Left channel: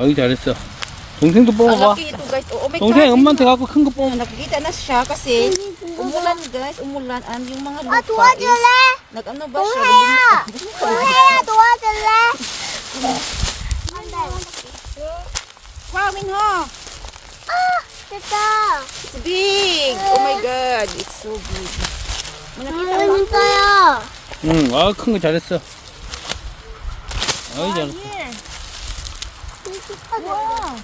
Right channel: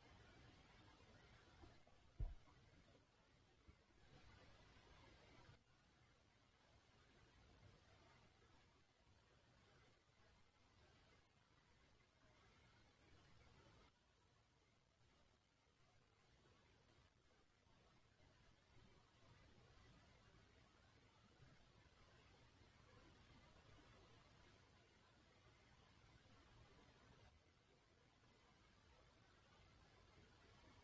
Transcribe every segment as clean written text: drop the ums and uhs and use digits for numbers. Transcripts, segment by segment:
어이 잘했어. 동생도 뽑아봐. Laki ito guys. Oh my 동생 God. 엄마한테 갖고 큰 거 뽑아. Nakikita na siya kasi umulan guys. Umulan. Yung mga lupa 도와줄래? nag-ano ba siya? 동해야 도와줄래? Wow, Minho. 됐다. It's big. Oh my God. It's so big. May nakita mo? 재밌어요. 응, 큰 거 잘했어. 어이 잘했어. Here. Wow.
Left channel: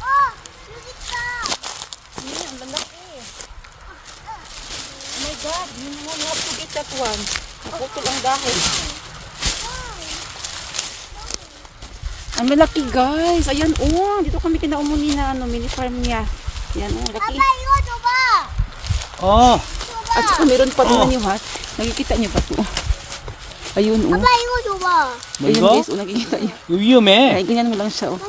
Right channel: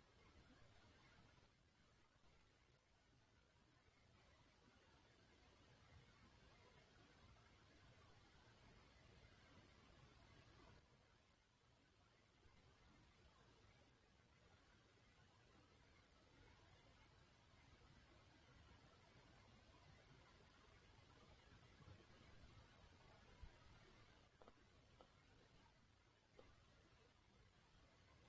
Wow. 여기 있다. Ang lalaki. Oh my God. You have to get that one. Naputol ang dahil. Ang malaki guys. Ayan oh. Dito kami kinaumuni na mini farm niya. Ayan oh. Laki. 아빠 이거 줘봐. 어, At saka meron pa rin niyo ha. Nakikita niyo ba ito? Ayun oh. 아빠 이거 줘봐. 뭐 Ayun 이거? guys. Oh, nakikita niyo. 이거 위험해. Ay, ganyan mo lang siya oh.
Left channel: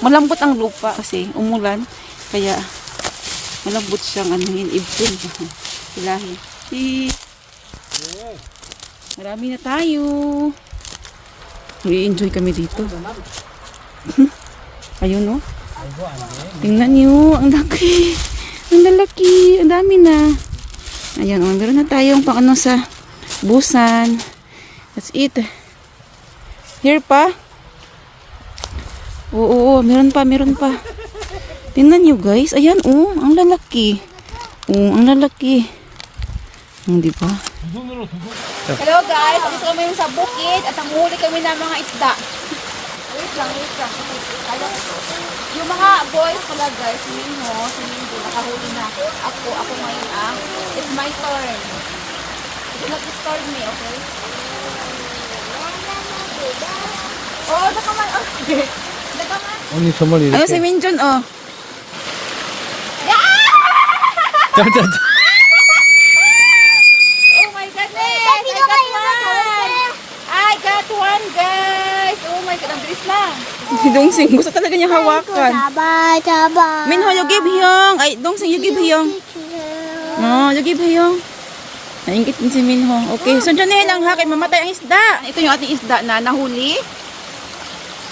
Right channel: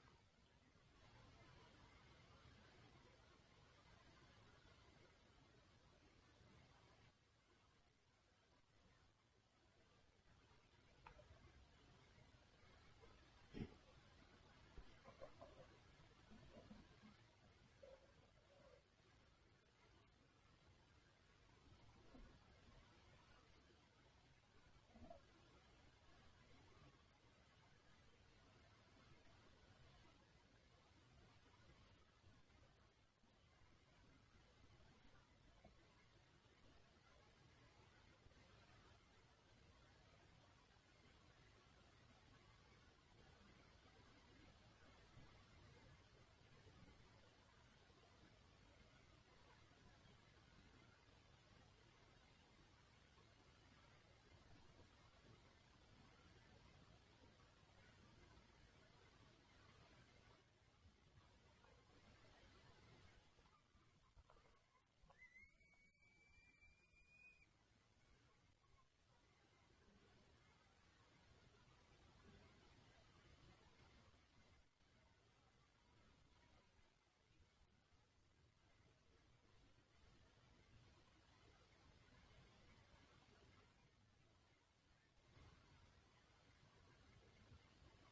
Malambot ang lupa kasi umulan. Kaya malambot siyang anuhin. Ibon. Ilahi. Marami na tayo. I-enjoy kami dito. Ayun oh. Tingnan niyo, ang laki. Ang lalaki, ang dami na. Ayan oh, meron na tayong pang ano sa busan. That's it. Here pa. Oo, meron pa, meron pa. Tingnan niyo guys, ayan oh, ang lalaki. Oh, ang lalaki. Di ba? Hello guys, dito kami sa bukid at ang huli kami ng mga isda. Wait lang, wait lang. Yung mga boys pala guys, si Minho, nakahuli na. Ako ngayon ah. It's my turn. Do not disturb me, okay? Oh, nakaman. Okay. Nakaman. 언니 정말 이렇게. Ayun si Minjun, oh. 짠짠짠. Oh my goodness! I got one, guys! Oh my God, ang bilis lang. Si Dongsing, gusto talaga niya hawakan. 잡아. Minho, you give Hyung. Ay, Dongsing, you give Hyung. No, you give Hyung. Naingit din si Minho. Okay, so dyan lang ha, kay mamatay ang isda. Ito yung ating isda na nahuli.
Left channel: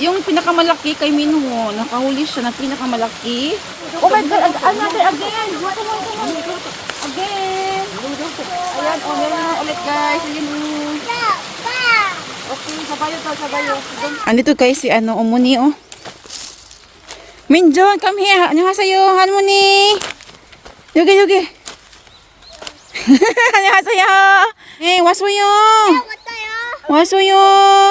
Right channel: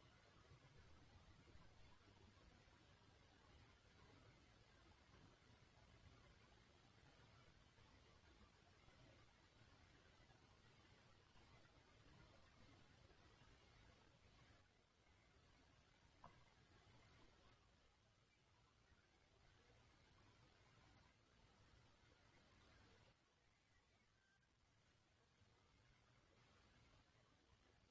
Yung pinakamalaki kay Minho, nakahuli siya ng pinakamalaki. Oh my God, another again. Come on. Again. Ayan, oh, meron na ulit guys. Ayan, oh. Okay, sabayo. Andito guys si Umuni, oh. Minjon, come here. 안녕하세요, 할머니. 여기. 안녕하세요. 네, 왔어요. 왔어요.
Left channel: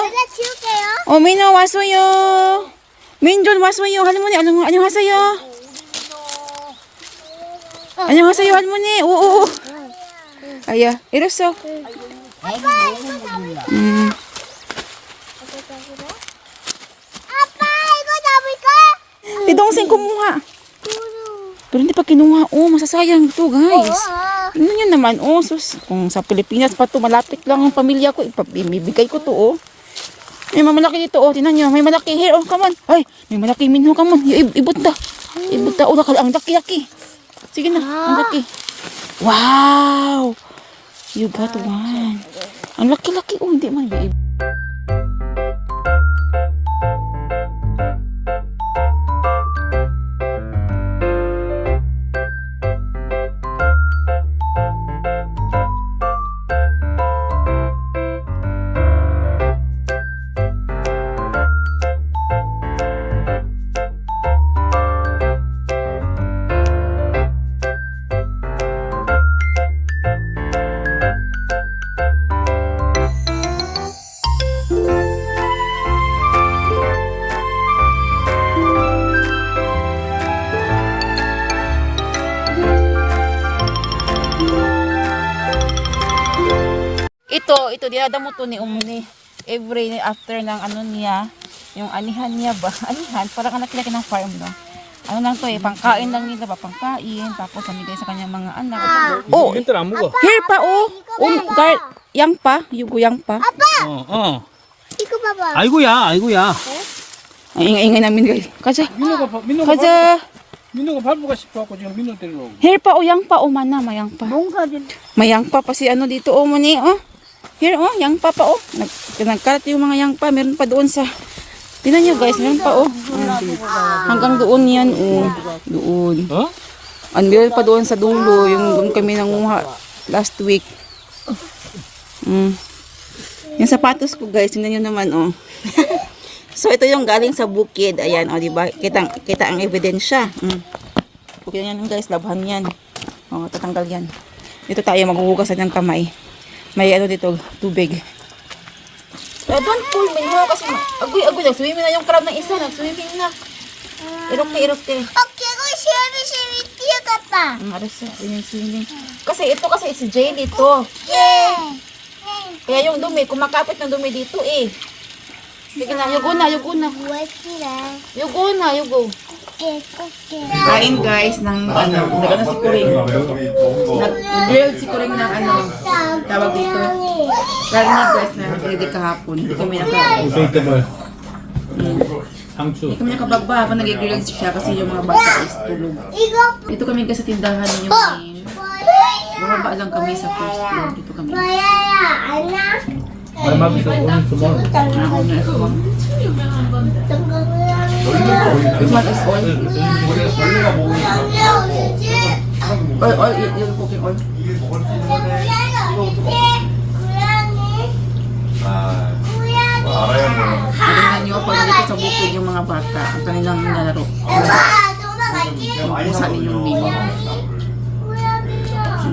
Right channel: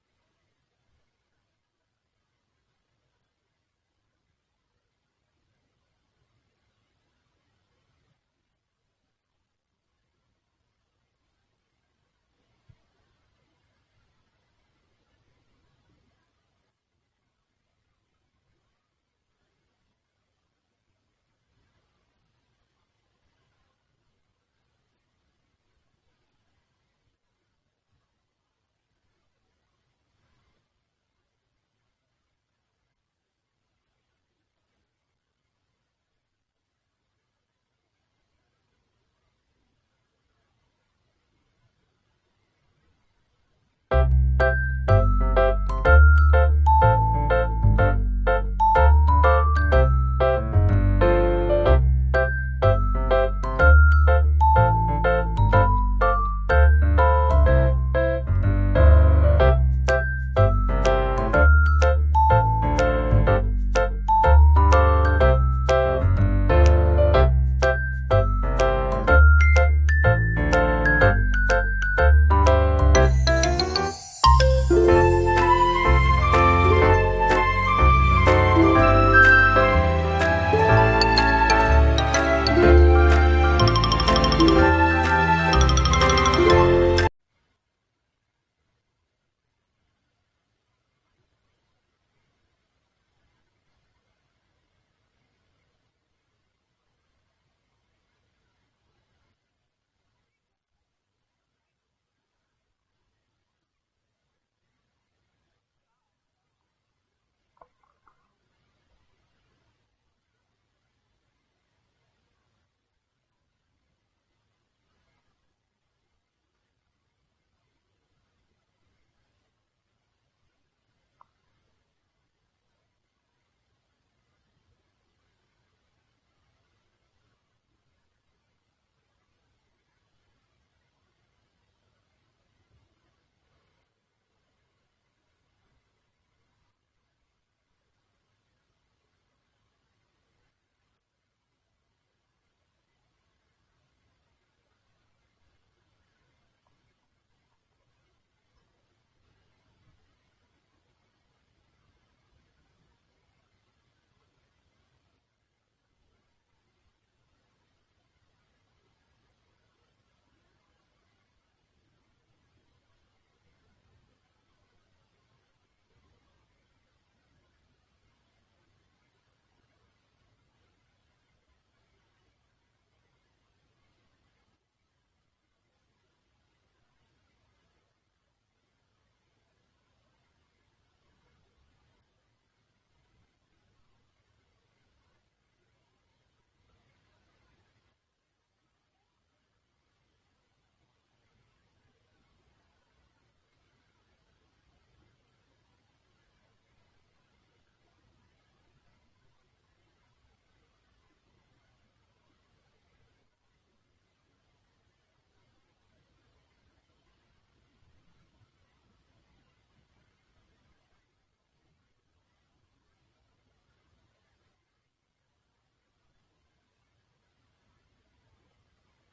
내가 치울게요. 민호 왔어요. 민존 왔어요. 할머니, 안녕하세요. 안녕하세요, 할머니. 오. 아야, 이랬어. 아빠 이거 잡을까? Di Dongsing kumuha. Pero hindi pa kinuha. Oh, masasayang to guys. Ano yun naman? Oh, sus. Kung sa Pilipinas pa to, malapit lang ang pamilya ko. Ibibigay ko to, oh. May malaki dito, oh. Tinan nyo. May malaki here, oh. Come on. Ay, may malaki Minho. Come on. Ibot ta. Oh, ang laki. Sige na. Ang laki. Wow. You got one. Ang laki-laki. Oh, hindi man. Ito dinadamo to ni Umuni every after ng ano niya, yung anihan niya ba? Anihan, parang anak ng farm, no? Ano lang to pangkain lang nila ba? Pangkain, tapos namigay sa kanyang mga anak. Oh, 이것들 안 먹어. here pa oh. Yang pa, yung pa. 어. 이거 봐봐. 아이고야. Ay, ingay namin guys. Kaja. 민호가 봐. Kaja. 민호가 밟을까 싶어갖고 지금 민호 데리러 오고. Here pa, yang pa, mana, mayang pa. Mayang pa si ano dito, muni, Here, yang pa, Nagkalat yung mga yang pa, meron pa doon sa, tinan nyo guys, meron pa, Hanggang doon yan, doon. 어? Meron pa doon sa dulo, yung doon kami nanguha last week. Yung sapatos ko guys, tingnan nyo naman, So, ito yung galing sa bukid. Ayan, diba? Kita ang ebidensya. Bukid yan guys, labhan yan. Tatanggal yan. Dito tayo maghuhugasan ng kamay. May ano dito, tubig. Don't pull me, kasi agoy, nagswimming na yung crab ng isa. Nagswimming na. Irokte. Okay, go shimmy, tiyo ka pa. Arasa, swimming. Kasi ito kasi si jelly to. Yeah. Kaya yung dumi, kumakapit ng dumi dito Sige na, yugo na. Wait sila. Yugo. Okay. Kain guys ng nagano si Kuring. Nag-grilled si Kuring ng tawag dito. Karne guys na hindi kahapon. Hindi kami Vegetable. 상추. Hindi kami nakabagba habang nag-grilled siya kasi yung mga bata is tulog. Dito kami guys sa tindahan yung bumaba lang kami sa first floor. Dito kami. anak. 말마비서 오늘 주말. This one is oil. Oil, yung cooking oil. Tingnan nyo pag dito sa bukid yung mga bata, ang kanilang nilalaro. Pusa ninyong mini.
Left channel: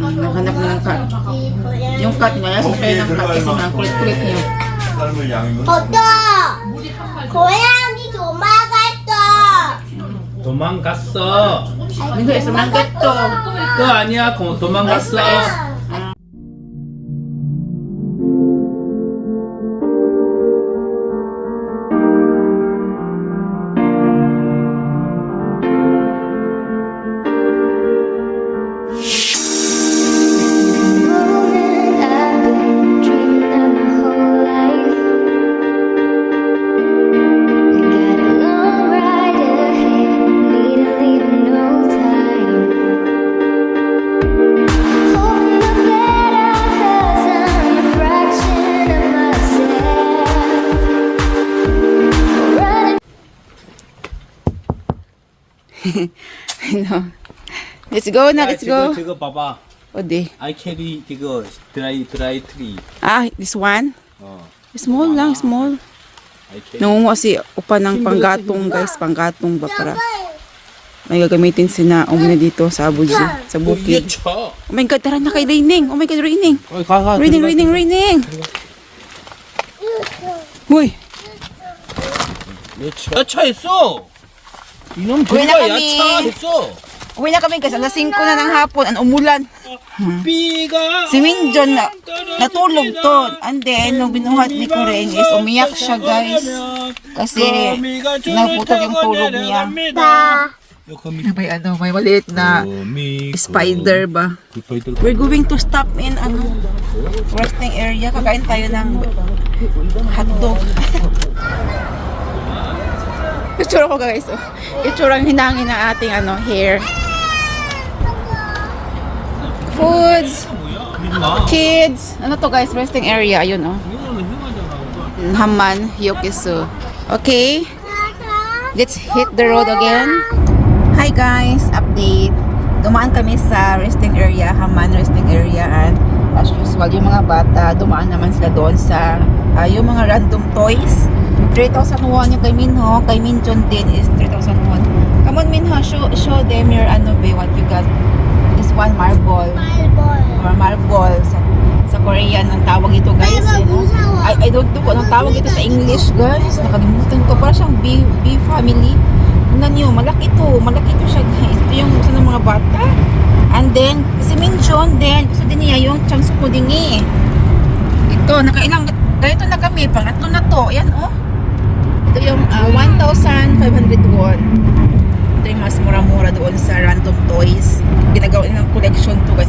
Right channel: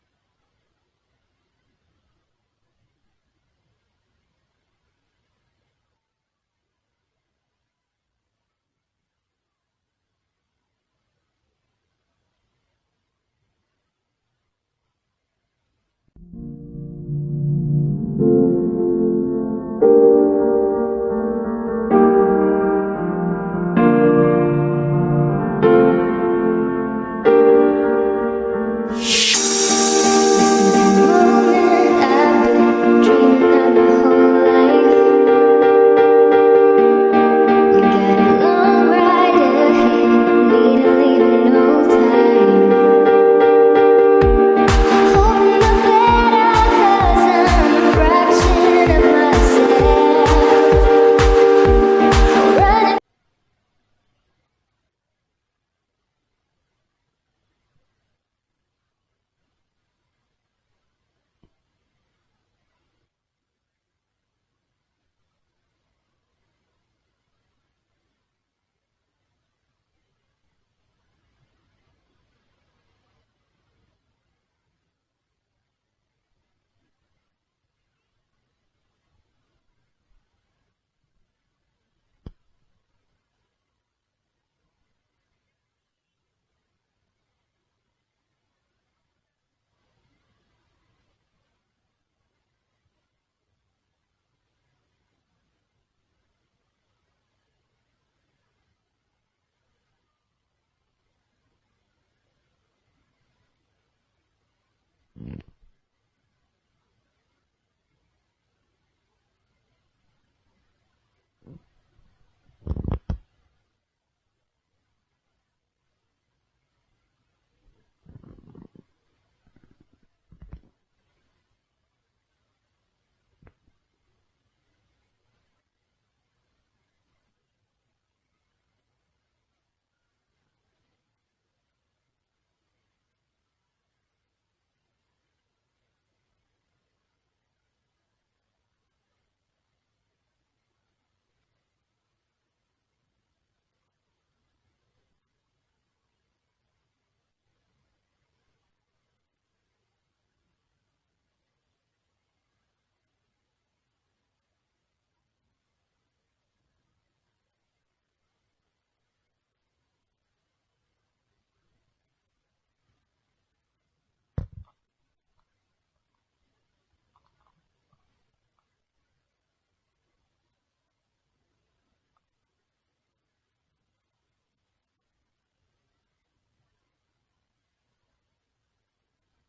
Naghanap na ng cat. Yung cat niya, yasin kayo ng cat kasi nga kulit-kulit niyo. 고양이 도망갔어. 도망갔어. Hindi, isa ng gato. 그거 아니야. 도망갔어. Let's go na, let's go. 저거 봐봐. 어디? I carry 이거 드라이 트리. This one? 어. Small lang, small. I carry. Nangungo si upa ng panggatong guys, panggatong ba para may gagamitin sina umuna dito sa Abuja, sa bukid. 쳐. Oh my God, tara na kay raining. Oh my God, raining. 가. Raining. Uy, 야차 있어. 이놈 Uwi na 들어가 kami. 야차 있어. uwi na kami guys, alas 5 na ng hapon, ang umulan. 비가. Si Minjon natulog to. And then, nung binuhat ni Kuring is umiyak siya guys. Kasi naputol yung tulog niya. May maliit na spider ba? We're going to stop in resting area. Kakain tayo ng hotdog. Itsura ko guys. Itsurang hinangin ng ating hair. Foods. Kids. Ano to guys? Resting area. Ayun Haman. Yokisu. Okay. Let's hit the road again. Hi guys. Update. Dumaan kami sa resting area. Haman resting area. And as usual, yung mga bata, dumaan naman sila doon sa yung mga random toys. 3,000 won yung kay Minho. Kay Minjon din is 3,000 won. Come on Minho, show them your what you got. This one, marble. Or marble. Sa Korean, ang tawag ito guys. I don't know kung anong tawag ito sa English guys. Nakalimutan ko. Parang siyang B family. Tingnan nyo, malaki ito siya guys. Ito yung gusto ng mga bata. And then, si Minjon din. Gusto din niya yung chance ko din Ito, nakailang ganito na kami, pangatlo na to. Ayan, Ito yung 1,500 won. Ito yung mas mura-mura doon sa random toys. Ginagawa ng collection to guys.